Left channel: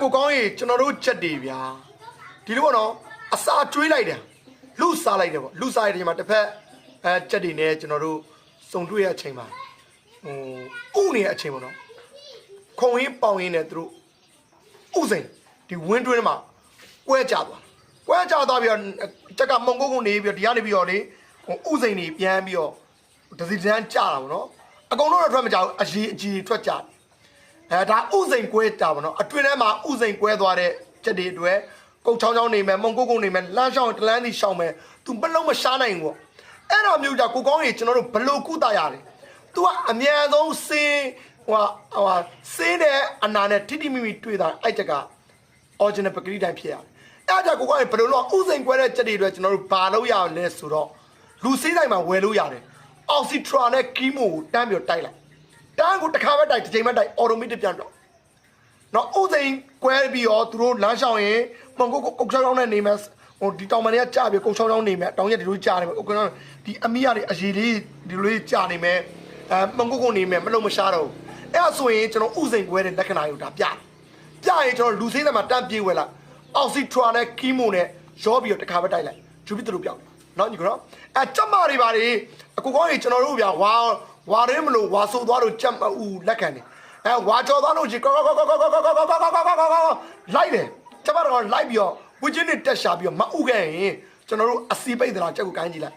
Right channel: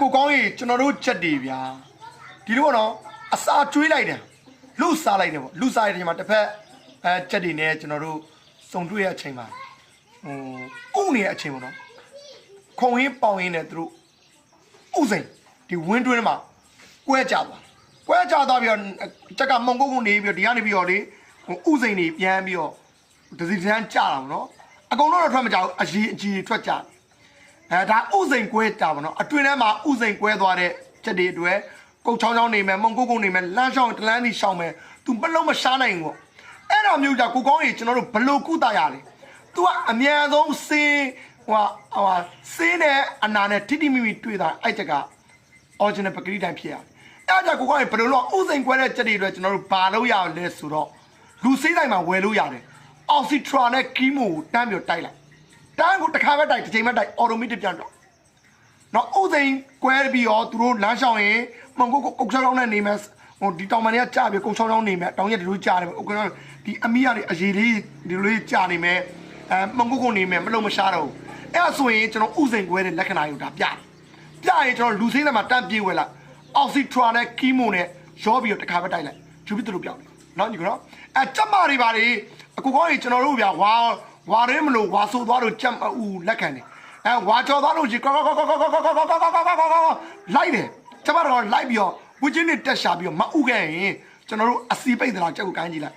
ကိုကောင်းရေကျွန်တော်တို့ချက်တွေဗျာဒီလိုကတော့အစာကျွေးလိုက်တယ်လူစားလိုက်တယ်ပေါ့လူစားရတဲ့ချိန်မှာတစ်ဖက်ချက်တွေနဲ့ကျွန်တော်တို့စုံတွေ့ရအချိန်မှာဥနေရအချိန်ပေါ့နော်ခုံရင်းပေါင်ရင်းနဲ့သူတို့ဥစိန်ဒီဝင်းတွင်းမှာကွဲကြသွားပြီးတော့ချက်ကမုံကုတ်နေပြီးတော့ဒီကနေပြီးတော့လေဥစိန်နေပြန်ပြီးတော့ဒစီတန်းကြတာပေါ့နော်အကုန်လုံးတော့ထွက်မကြဘူးအကြီးထွက်ကြဒါဥစိန်ကွဲတာပေါ့နော်အတွင်းထဲမှာဥစိန်ကွဲသွားတဲ့ချက်တွေအတွက်ကုတ်ချောင်းနေမယ်မုံကုတ်နေမယ်လမ်းရှောင်းတလန်းစီရှောင်းမယ်သူဘလုံးမရှားနိုင်ဘူးပေါ့အဲ့ဒါမျိုးကြကိုကောင်းကြီးကျွန်တော်တို့ဘလို့ကုသရလဲသူကအမြန်ဆုံးစေးစေးနဲ့အနာနဲ့ထိမိတွေ့တာအဲ့ချက်က original ပကတိတိုင်းဖြစ်ရတယ်အဲ့ဒါကိုကောင်းကြီးဘလို့ဥစိန်ကွဲတဲ့ချက်တွေအတွက်ကျွန်တော်တို့ဘာလို့ရလဲဆိုတော့လူစေးတိုင်းမှာဝယ်လို့ရတယ်အောက်ဆီထရာနဲ့ကီမိုကိုတန်းပြီးတိုက်လိုက်တန်းကိုတစ်ခါပဲတိုက်တစ်ချိန်ပဲတိုက် automatic ပြန်တော့နော်ဥစိန်ကွဲပြီးတော့သူတို့လမ်းရှောင်းရင်မုံကုတ်ချောင်းနဲ့နေမယ်ဒီတောင်မန်တွေကကြာပြီးကုတ်ချောင်းနေမယ်တောင်ရက်ဒီလိုကြာနေမယ်ဒီအမီးရတွေအရေးလေးဒီလိုလေးကြာနေမယ်မုံကုတ်နေမယ်မလုံးမရှားတော့အဲ့ဒါဆိုရင်ကျွန်တော်ဥစိန်ကွဲတဲ့လက္ခဏာတွေကိုဒါပြရင်ကျွန်တော်လူသေးတယ်မှာတန်းပြေးဝဲလိုက်အောက်ဆီထရာနဲ့ကီမိုနဲ့ရောပြီးတော့တစ်ခါပဲတိုက်လိုက်ဂျူပီသူတို့ပြောက်နော်ညီကတော့ကြက်မာတွေပါလေအကူကောင်းကြီးကျွန်တော်တို့ဗျာဝါရင်းမလို့ဝါဆိုသွားလို့ကြက်ဦးလက်ခံတယ်ဝါချော်သွားလို့ကြီးလိုက်တယ်ကျမတို့လိုက်ပြီးတော့ဝီချင်းနဲ့တက်ရှာပြီးတော့မအုပ်ခဲ့ရင်ကျွန်တော်တို့အစီပိတ်သလားကြက်ကိုကိုင်းကြည့်လိုက်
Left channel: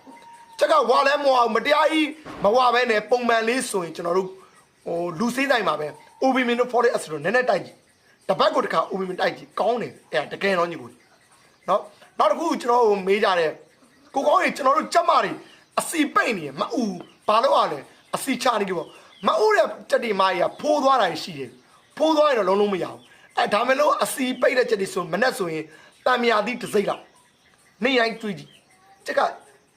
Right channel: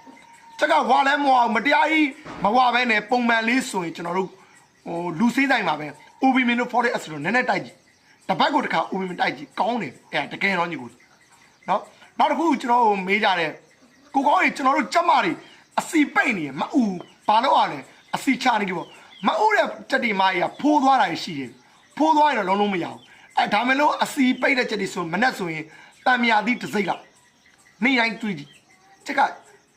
ကြက်ကဝါလဲမဝမတရားကြီးမဝပဲနဲ့ပုံမှန်လေးဆိုရင်ကျွန်တော်တို့လူစေးတိုင်းမှာပဲ OB မင်းတို့ forest ဆိုတော့နည်းနည်းတိုက်ကြည့်တပတ်ကိုတစ်ခါ OB မင်းတိုက်ကြည့်ကောင်းတယ်တကယ်တော့ညီကိုနော်နောက်တစ်ခုကျွန်တော်မေးကြတယ်ကိုကောင်းကြီးကျွန်တော်တို့ကြက်မတွေအစီပိတ်နေရမအူဘာလို့ရလဲအစီချနေကြပေါ့မအူတဲ့တက်တီမာကြီးကဖိုးသွားတာရှိတယ်ဖိုးသွားရင်တော့လုံးလုံးမရဘူးဒါမဲ့လို့အစီပိတ်တဲ့ချက်တွေဆိုမနဲ့ဆိုရင်တံမြာသီးတစ်စိမ့်လောက်နေတိုင်းတွေ့ကြည့်ချက်က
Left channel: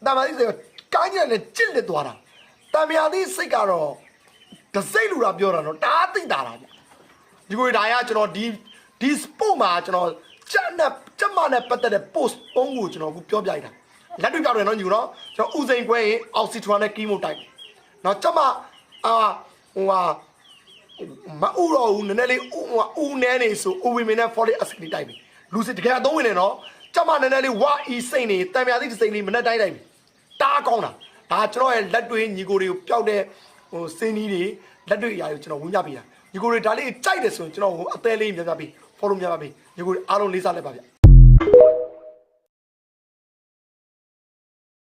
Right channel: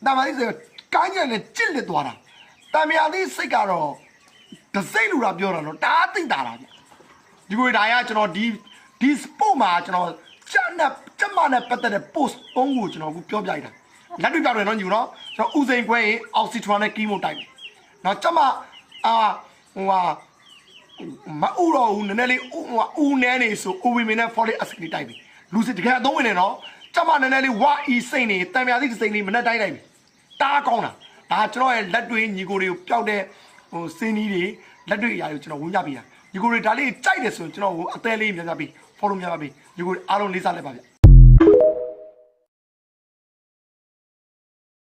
တံမြာသီးဆိုကိုင်းကြနဲ့ကြစ်လက်သွားတာတံမြာသီးစိတ်ကတော့တစ်စိမ့်လူတာပြောတာနော်တအားသိတာလားဗျဒီကိုဒါရကျွန်တော်ဒီ sport မှာကျွန်တော်ကြက်မနဲ့ပတ်သက်တဲ့ post ပုံးကိုကျွန်တော်ပြောပြလိုက်တာလက်တွေ့ပြတယ်နော်ညီနော်ကျွန်တော်ဥစိန်ခွဲရင်အောက်ဆီထရာနဲ့ကီမိုတိုက်တယ်နော်ကြက်မမအူတော့ဦးနည်းနည်းလေးဦးနည်းနေဆို OB မင်းနဲ့ folic acid တိုက်တယ်လူစစ်တကယ်အသုံးဝင်နေနော်ကြက်မနည်းနည်းလေးဝါအီစိတ်နေတံမြာသီးစိတ်နေမနဲ့တိုက်တယ်တားကောင်းတာဒါကျွန်တော်ရဲ့လက်တွေ့ညီကိုတွေကိုပျောက်တဲ့စင်းကြီးတွေလက်တွေ့အရာတွေကိုကျွန်တော်ဝင်ပြပေးတာညီကိုတွေဒါလေးကြိုက်တယ်ဆိုရင်ကျွန်တော်အသေးလေးများများပေး follow များများပေးညီကိုအားလုံးလေးစားလိုက်ပါဗျ